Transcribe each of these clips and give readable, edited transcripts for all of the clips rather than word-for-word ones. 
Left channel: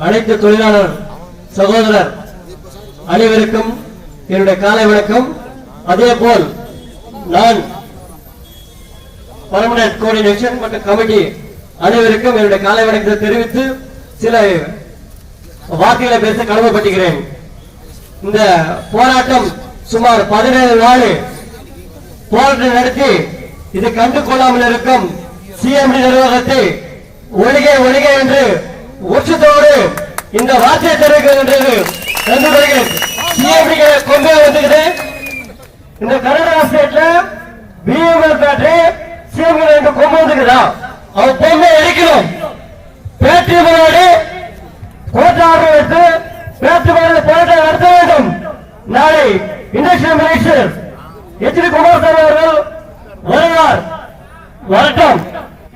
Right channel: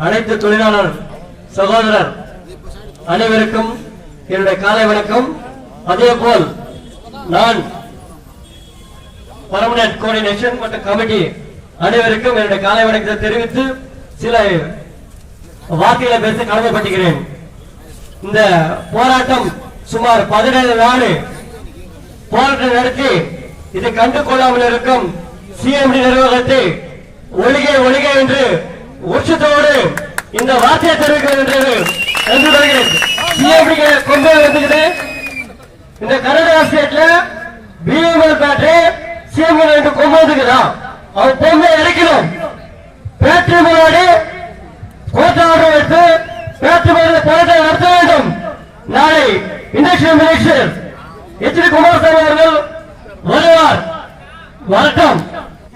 அனைத்து தொழிலாளர் சகோதரர் அனைவருக்கும் என்னுடைய காலை வணக்கம். அதே போல் நான் பர்மனன்ட் கோஆர்டினேஷன் மற்றும் கமிட்டி அனைவருக்கும் என்னுடைய காலை வணக்கத்தை தெரிவித்து சில வாக்குகளை பேச கடமைப்பட்டுகிறேன். இந்த போராட்டம் சுமார் 17 நாள் போராட்டம் நடத்தி இது கண்டு கொள்ளாமல் இருக்கும் சிஎம்டி நிர்வாகத்தை ஒழிகை ஒழிகை என்று உச்சத்தோடு இந்த வார்த்தையை தெரிவிக்கிறது. சிஎம்டி கொண்டு வந்துக்குது. இந்த கர்நாடகா ஸ்டேட்ல பிஎம்எல் பேட்டரி சிஎம்டி கொண்டு வந்துக்குதா? அவர் பொண்ணை அடிக்கணும். பேட்டரி முன்னாடி கோர்ட் ஆர்டர் எடுத்து பேட்டரி முன்னாடி போராட்டம் நடத்த வேண்டும். நாளை இண்டஸ்ட்ரியல் மினிஸ்டர் எச்.டி. குமாரசாமி அவர்கள் வருவார். வரட்டும்.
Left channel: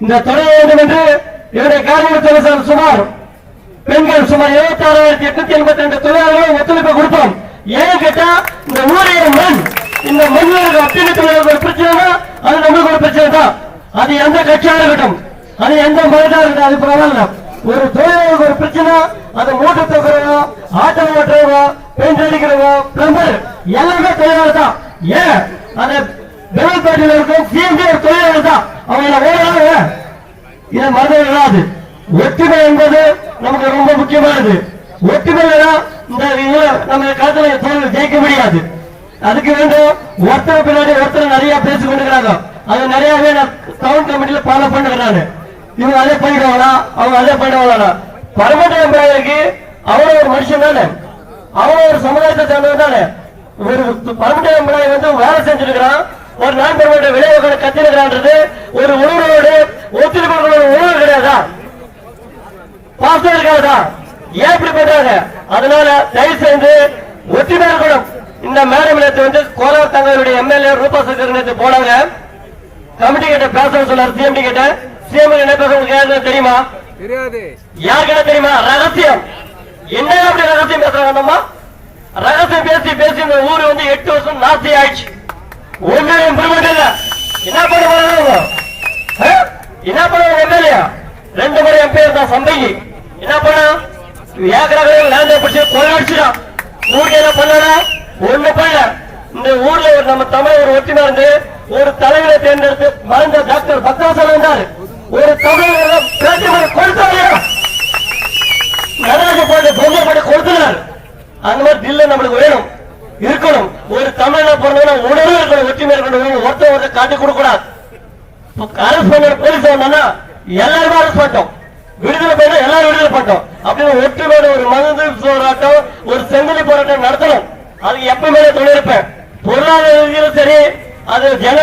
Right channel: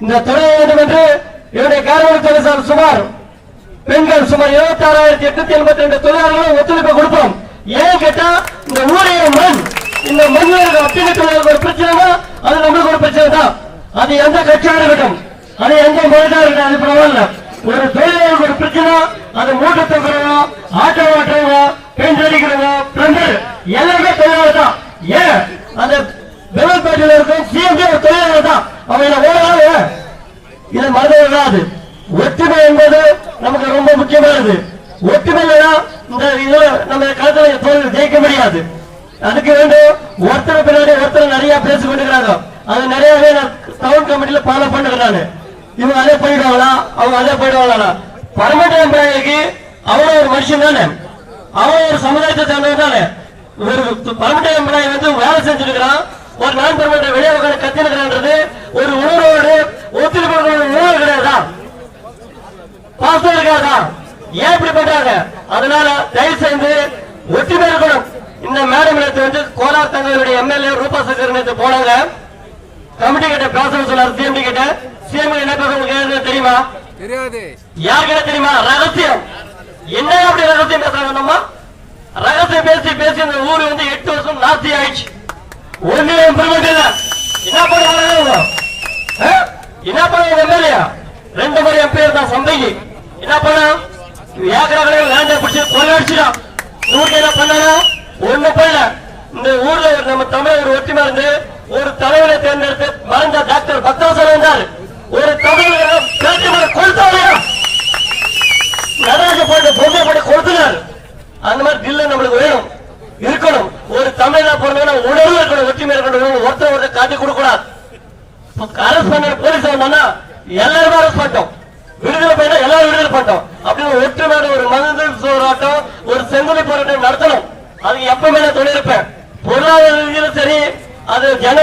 இந்த தொழில் வேண்டும் என்று என்னுடைய காரணம் சுமார் பெண்கள் சுமார் 76,882 தொழிலாளர்களும் ஒத்துழைப்பு கொடுத்தோம். ஏன் கேட்டா இந்த ஊழிய மண் இந்த மண்ணில் அப்பீல் தொழிலாளர்கள் பிரச்சனை அது நம்மளுக்கு ஒரு பிரச்சனை தான். அது எந்த கட்சியாக இருக்கட்டும், அது எந்த மனிதா இருக்கட்டும், அது பரவாயில்ல. ஒரு தொழிலாளருக்கு ஒரு பிரச்சனை அது மூட்டை தூக்குறவோ ஆட்டோ ஓட்டுறவோ பெயிண்ட் அடிக்கிறவோ பிளம்பர் எல்லாருமே தொழிலாளர் தான். ஏன் அந்த பெரும்பேட்டையில் இருக்கும் சிஎம்டி ஒரு தொழிலாளர் தான். அவங்க ஓடுறாங்க. இதை மறந்து வராது. ஒற்றுமை என்பது நமக்கு ரொம்ப முக்கியமானது. ஒற்றுமை இந்த நம்ம காலத்தில் ஜெயிக்க முடியாது. அதுக்கு வேண்டும் ஒருத்தர் பின்னாடி ஒருத்தர் நிறைய பேசி கொண்டிருக்கிறாங்க. அது நிறையவே டவுன் கமிட்டியில ஃபாலோ பண்ணுறாங்க. இவங்க அதே பண்ணிடுவாங்களா, அவங்க அதே பண்ணிடுவாங்களா? பர்மனன்ட் எம்ப்ளாயிக்கு அவன் ஒரு மனுஷன் தானே, அவன் ஒரு சமுதாயத்தை சேர்ந்தவன் தானே. ஒரு பர்மனன்ட் எம்ப்ளாயி வந்து வேலை செஞ்சிருக்கிறான், ஒரு நான் பர்மனன்ட் வெளியே கத்திருக்கிறான்றது ஒரு உணர்வோடு ஒத்துழைப்பு உணர்வு கிடையாதா? பாசம் இருக்காதா? ஏன் இப்படி பண்றாங்க? அதனால தயவு செய்து ஒற்றுமை இருக்கணும். இந்த மேடம் வந்து கோலார் தங்களுடைய எம்எல்ஏ ரூபா சங்கர் போனாங்க. கமிட்டி கிட்ட பேச சொன்னார். சிஎம்டி கிட்ட சிஎம் என்ன பேச தெரியுமா? தெரியாது. யாருக்கிட்ட தெரியுமா? ரகசியம். என்ன அப்படி ரகசியம் பேசுறாங்க? ரகசியம் பேசி பேசி இந்த ஊரு வந்து 8 வருஷம் நாஸ்தி ஆயிடுச்சு. ஒண்ணு இம்ப்ரூவ்மெண்ட் இல்ல. என்ன பண்ணுவாங்க? என்ன பண்ணுவாங்க? எம்எல்ஏ 2 முறை எம்பி தான் சந்தைக்கு என்ன பண்ணா? ஏக்கராவே லேண்ட பிடிச்சி கொள்ளடிச்சுடா. ஊருக்கு என்ன பண்ணா? ஒண்ணு போயில. இந்த ஊர்ல நம்ம தமிழ் ஒரு ஒற்றுமை இருந்து ஒரு தலைவரை தேர்ந்தெடுத்து மறைந்த டாக்டர் பக்தவசன் இருந்தார். ஒரு தமிழ் பேட்டி கொடுத்தாரு. நடராஜ போட்டு பொம்மை போட்டு கொடுத்தார். அந்த மாதிரி தில்ல நம்மளுக்கு வேணும், இருக்கணும். ஒரு தமிழா பிறந்த உணர்வு இருக்கணும், ஒற்றுமை இருக்கணும். ஒருத்தர் காட்டி கொடுக்கூடாது. அரசு பண்ண போலீஸ் வந்தா எல்லாருமே அரசு பண்ணிட்டோம், விடுதலை பண்ண எல்லாரும் விடுதலை பண்ணிட்டோம். அப்படின்னு ஒற்றுமையான ஒரு மனித போராட்டம் ஒரு செங்கலி போராட்டம் நடத்தணும். அதுக்கு எப்பவுமே தொழிலிருப்பேன். பொருளாதார ரீதியிலும் சரி, அது ஜன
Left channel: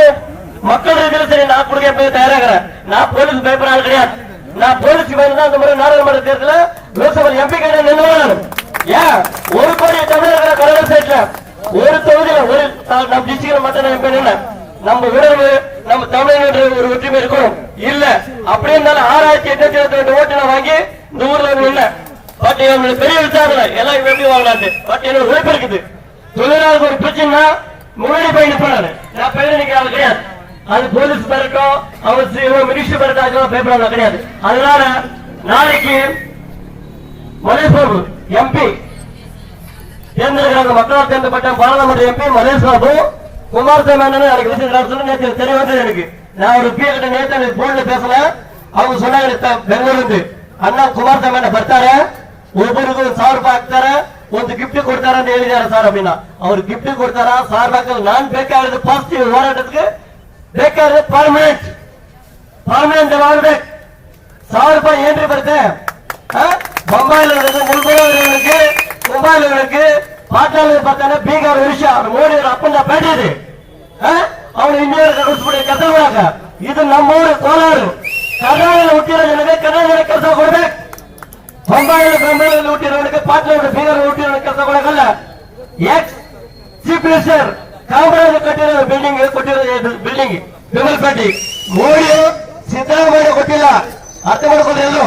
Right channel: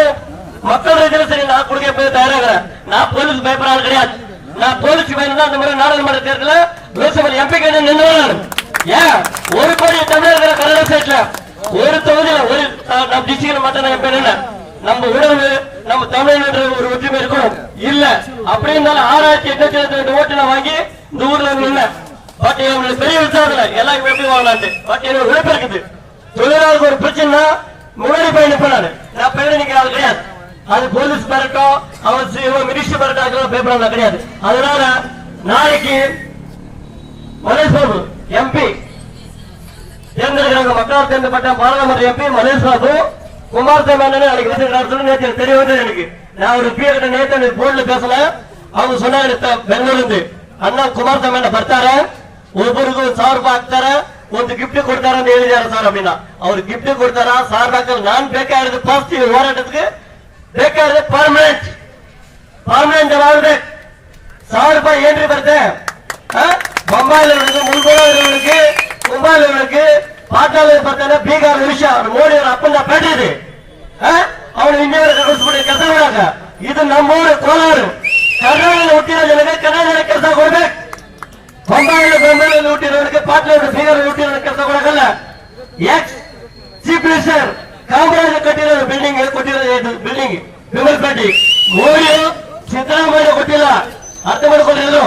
மக்கள் ரீதியிலும் சரி, நான் கொடுக்க தயாராகிறேன். நான் போலீஸ் பயப்படாது கிடையாது. நான் போலீஸ் பயந்தா இந்த மாதிரி நாடாளுமன்ற தேர்தலில் லோக்சபா எம்பி கிட்ட நின்று ஏன் 1 கோடி தமிழக கலர் ஸ்டேட்ல ஒரு தொகுதியில ஒரு டிஸ்ட்ரிக்ட்ல மட்டும் எம்பி நின்று நம்ம உணர்வு நம்ம தமிழ்நாடு ஒரு ஒற்றுமை இருக்கணும். இல்ல அப்படி இருந்தாலும் 6,872 ஓட்டு நான் வாங்கி இந்த ஊர்ல இல்ல. பட் பெரிய விசாரணை எல்லாம் எப்படி வாங்கலாது. பட் எனக்கு விருப்பம் இருக்குது. தொழிலாளருக்கு ஒரு பிரச்சனை முன்னாடி போய் நிற்பாரு. நான் பையன் நிற்கிறாள் கிடையாது. அது போலீஸ் பெறட்டும், அவர் மினிஸ்டர் பெறட்டும் பயப்படாத கிடையாது. அதனால நாளைக்கு மனேஷ் பாபு எம்பி தேர்ந்தெடுக்கிறாங்க. மக்களால் தேர்ந்தெடுக்கப்பட்ட பாராளுமன்ற எம்பி மனேஷ் பாபு குமாரசாமி நேற்று தெரிய வந்தது எனக்கு. நான் ஒரு பி கிட்ட நேற்று போன்ல பேசல. அவங்க சொன்னாங்க பெங்களூரு அண்ணா குமாரசாமி ಬರ್ತಾರ, ಒಬ್ಬರಿಗೂ 1,000 ರೂಪಾಯಿ ಹಾಕ್ತಾರ, ಒಂದು ಗಿಫ್ಟ್ ಕೊಡ್ತಾರ ಅಂತ ಹೇಳಿದಾರ ಸರ್. அப்படின்னா ಅವ್ರು ಗಿಫ್ಟ್ ಕೊಡ್ತಾರ 1,000 ಹಾಕಲ್ಲ. ನಾನು ಬೇಕಾದ್ರೆ ಪಾಸಿಟಿವ್ ಹೋರಾಟಕ್ಕೆ ಬೇಕಾದ್ರೆ ಪರ್ಮನೆಂಟ್ ಮಾಡ್ಬೇಕು. 1,000 ರೂಪಾಯಿ ಏನ್ರಿ ಬರುತ್ತೆ? ಬೊಂಬಾಯಿಲವರಿಗೆ ಮುಳ್ಗೋಳವರಿಗೆ ಮುಂಬೈಲವರಿಗೆ ಪಾಠಾಲ ಬರ್ತಾರೆ. ಬೀಗ ವಿಷಯ ಮೋಡಿ ಅವರ ಅಪ್ಪನ ಬೇಡಿರಿ ಅವನು ಇಂಜಿನಿಯರ್ ಕಳಿಸ್ಬಿಡಿ ಕೆಲಸ ಮಾಡಾಕ. ಇದು ನಮ್ಮೂರು ಕೋಲಾರ. ಕರ್ನಾಟಕದಲ್ಲಿ ಹುಟ್ಟಿರೋ ಜನರಿಗೆ ಕನ್ನಡ ಕೆಲಸ ಕೊಡ್ಬೇಕು. ಬೊಂಬಾಯಿಯಲ್ಲಿ ಹುಟ್ಟಿರೋರಿಗೆ ಪಾಟ್ಲೂರು ಬೀಗರ್ ಹುಟ್ಟಿರೋ ಕೆಲಸ ಕೊಡಕಲ್ಲ. ಎಕ್ಸ್ ಚೀಫ್ ಮಿನಿಸ್ಟರ್ ಕಾಮರಾಜ್ ಕಟ್ಟಿರೋ ಬಿಲ್ಡಿಂಗ್ ಕೊಟ್ಟಿರೋ ಬಿಲ್ಡಿಂಗ್ ಬೆಂಗಳೂರು ಮೋದಿ ಸಿದ್ದರಾಮಯ್ಯ ಕೊಟ್ಟಿಲ್ಲ. ಅರ್ಥ ಮಾಡ್ಕೊಂಡಿದ್ರು.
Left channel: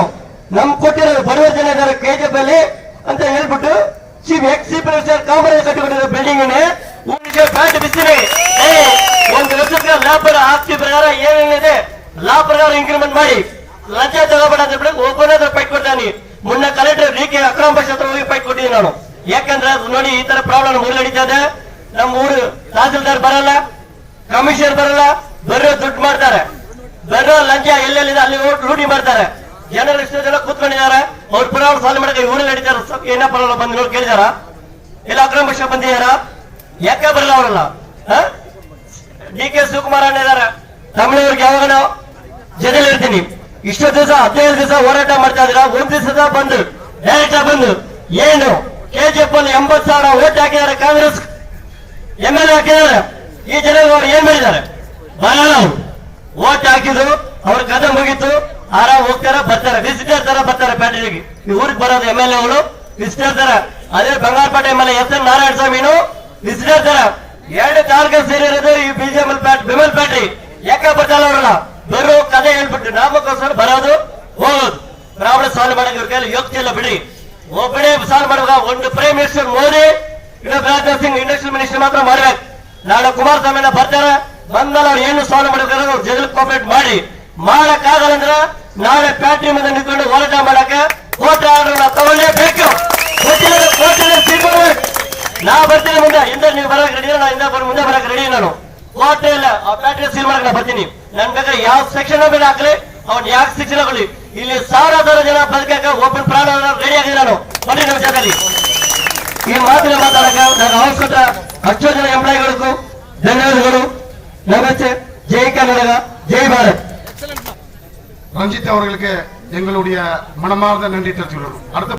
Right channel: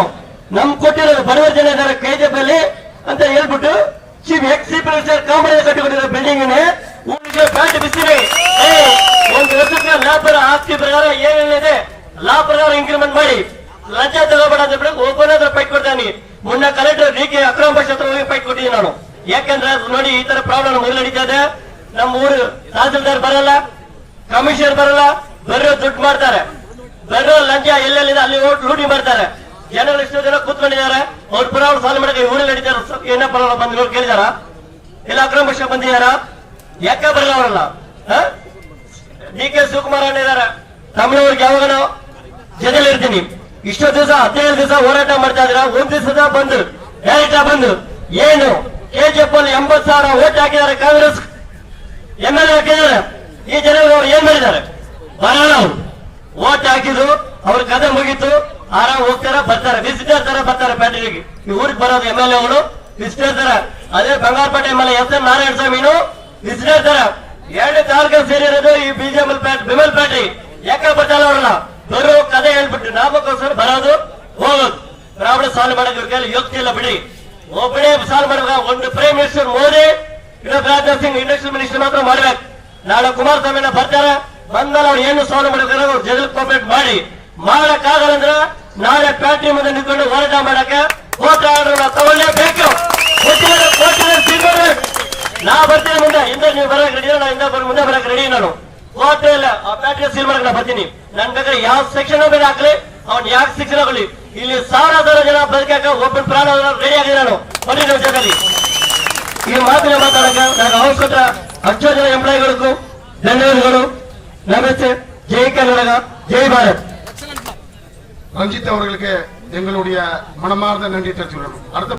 ನಮ್ ಕೊಟ್ಟಿರೋದು ಬರುವ ಜನ ಇದ್ದಾರೆ ಕೆಜಿಎಫ್ ಅಲ್ಲಿ ಅಂತ ಹೇಳ್ಬಿಟ್ಟು ಎಕ್ಸ್ ಚೀಫ್ ಮಿನಿಸ್ಟರ್ ಕಾಮರಾಜ್ ಕಟ್ಟಿಕೊಂಡಿರೋ ಬಿಲ್ಡಿಂಗ್ ಊರಿಗೆ ಪ್ಯಾಂಟ್ ಬಿಸಿರಿ ಒಂದು ವರ್ಷಕ್ಕೆ ಲಾಭ ಆಸ್ತಿ ಪ್ರಕಾರ ಏನೇನಿದೆ ಲಾ ಪ್ರಕಾರ ಇಂಕ್ರಿಮೆಂಟ್ ಮಾಡಿ ಲಂಚ ತಗೋಬೇಡ ಅಂತ ಒಬ್ಬನೇ ಪೈಟ್ ಕೊಡ್ತಾನೆ. ಮುನ್ನ ಕಲೆಕ್ಟರ್ ಡಿ.ಕೆ. ಅಕ್ರಮ ಭಾಷೆ ಹತ್ರ ಹೋಗಿ ಫೈಟ್ ಕೊಟ್ಟಿದ್ದೀನಿ ನಾನು. ಯಾಕಂದ್ರೆ ನೋಡಿ ಈ ತರ ಪ್ರಾಬ್ಲಮ್ ಮೊದಲು ನಡೀತಾ ಇದೆ. ನಮ್ಮ ಊರು ತಹಸೀಲ್ದಾರ್ ಬರಲ್ಲ, ಕಮಿಷನರ್ ಬರಲ್ಲ, ಬರೋ ದುಡ್ಡು ಮಾಡ್ತಾರೆ, ಬರೋ ಲಂಚ ಎಲ್ಲೆಲ್ಲಿದೆ ಅಲ್ಲಿ ಲೂಟಿ ಮಾಡ್ತಾರೆ. ಜನರು ಎಷ್ಟೋ ಜನ ಕೂತ್ಕೊಂಡಿದ್ದಾರೆ, ಅವ್ರ ಪ್ರಾಬ್ಲಮ್ ಸಾಲ್ವ್ ಮಾಡಕ್ಕೆ ಊರಲ್ಲಿ ನಡೀತಾರೆ. ಏನಪ್ಪ ಬಂದು ನೋಡಿ ಕೇಳಿದಾರ, ಇಲ್ಲ ಅಕ್ರಮ ಭಾಷೆ ಬಂದಿದಾರ, ಯಾಕೆ ಬರಲ್ಲ ಅವರಲ್ಲ? ಡಿ.ಕೆ. ಶಿವಕುಮಾರ್ ಅಣ್ಣ ಇದಾರೆ, ತಮಿಳವ್ರಿಗೆ ಯಾವಾಗ ನಾವು ಜೊತೆಲಿ ಇರ್ತೀನಿ. ಇಷ್ಟು ದಿವಸ 15 ದಿವಸ ಹೋರಾಟ ಮಾಡ್ತಾ ಇದ್ರ, ಒಂದ್ ದಿವಸದ ಬಂದು ಡೈರೆಕ್ಟ್ ಬಂದು ಏನು KGF ಅಲ್ಲಿ 80,000 ಓಟ್ ಹಾಕಿದ್ದಾರೆ, ಕಾಂಗ್ರೆಸ್ MLA ಹಾಕಿದ್ದಾರೆ. ಈ ಜನ ಅವ್ರು ಏನ್ ಮಾಡಿದ್ದಾರೆ? ಬರಲ್ಲ. ಅವರು ಓಟ್ ಹಾಕಿದ್ರು, ಅವ್ರ ಕಥೆ ಮುಗಿತು, ಆರಾಮ್ ಹೋಗ್ತಾರೆ, ಬರ್ತಾರೆ, ವಿಸಿಟರ್ ತರ ಬರ್ತಾರೆ. ಪ್ಯಾಟೆಗೆ ಈ ಊರಿಗೆ ಬರೋದು MLA ಅವರು ವಿಸಿಟರ್ ತರ. ಅದೇ Bangarapete MLA S N Narayana ಸ್ವಾಮಿನು ವಿಸಿಟರ್ ತರ. 2 ತಾಲೂಕು ಸೇರಿರೋದು ಈ ಬಿಮಲ್ ಪ್ಯಾಟೆ. ಯಾಕೆ ಬರ್ತಾರ ಅವ್ರನ್ನ? ಬರೋ ಕಥೆ ಹೇಳ್ಬಿಟ್ಟು ನಾಮಕ್ಕೋಸ್ಕರ ಬರೋದು ಹೋಗೋದು. ರಾವಣ ಸಾಲ್ವ್ ಮಾಡಕ್ಕೆ ಇವ್ರ ಕೈಲಿ ಯೋಗ್ಯತೆ ಇಲ್ಲ ಬಿಡಿ. ಒಬ್ಬನೇ ಸಾಲ್ವ್ ಮಾಡುವಾಗ ಒಂದು prime minister Modi, Rajnath Singh industrial minister ಮಾತ್ರ ಮಾಡ್ಬೇಕು. ನಾಳೆ ಕುಮಾರಸ್ವಾಮಿ ಬರ್ತಾರೆ, ಬಂದ್ಮೇಲೆ ಅವ್ರು ಏನು ಸಾಲ್ವ್ ಮಾಡಬೇಕಾದ್ರೆ ಅವ್ರು ಜಗಳ ಕೋಪರೇಟ್ ಮಾಡಿ. ಮಾಡಕ್ಕಾಗಲ್ಲ ಅಂದ್ರೆ ನಾಳೆ ಫ್ಯಾಕ್ಟ್ರಿ ಮುಂದೆ ನಿಂತ್ಕೊಂಡು ಹೋರಾಟ ಮಾಡಕ್ಕೆ ಕೋರ್ಟ್ ಆರ್ಡರ್ ತಗೊಳ್ಳೇಬೇಕು. ನಾ ಬರ್ತೀನಿ ಮುಂದೆ, ಹಿಂದೆ ನೀವು ಬರಕ್ ರೆಡಿ, ಮುಂದೆ ಬರಕ್ ರೆಡಿ. ನಾನು ಕೋರ್ಟ್ ಇಲ್ಲ, ಆ ಫ್ಯಾಕ್ಟ್ರಿ ಸೀಲ್ ಮಾಡಕ್ ಬರ್ತೀನಿ. ನನ್ ಬೇಕಾದ್ರೆ ಯಾವ ಸೆಕ್ಷನ್ ಬೇಡ ಹಾಕ್ಲಿ, ಅವ್ನು ಯಾವ ಶಿಕ್ಷಣ ಆಗಲಿ. ಇಲ್ಲಿ 1,000 ಜನ ಬದುಕಕ್ಕೆ ಒಬ್ಬರು ಪ್ರಾಣ ರೆಡಿ ಆಗಿದೆ. ನಾನು ಬಂದಿದ್ದ ಜಾಗದಲ್ಲಿ ಈ ಮಾತನ್ನ ಮಾತಾಡಕ ನನ್ನ ಅವಶ್ಯಕ ಅಷ್ಟೋ ಜನ ಎಂಪ್ಲಾಯಿಗಳಿಗೂ ಧನ್ಯವಾದಗಳು. ನಮಸ್ತೆ. ஜெய் கர்நாடகா, ஜெய் பாரத். ரஞ்சித் அவர்களுக்கு எங்களுடைய மனமார்ந்த நன்றி தெரிவித்துள்ளோம். அடுத்த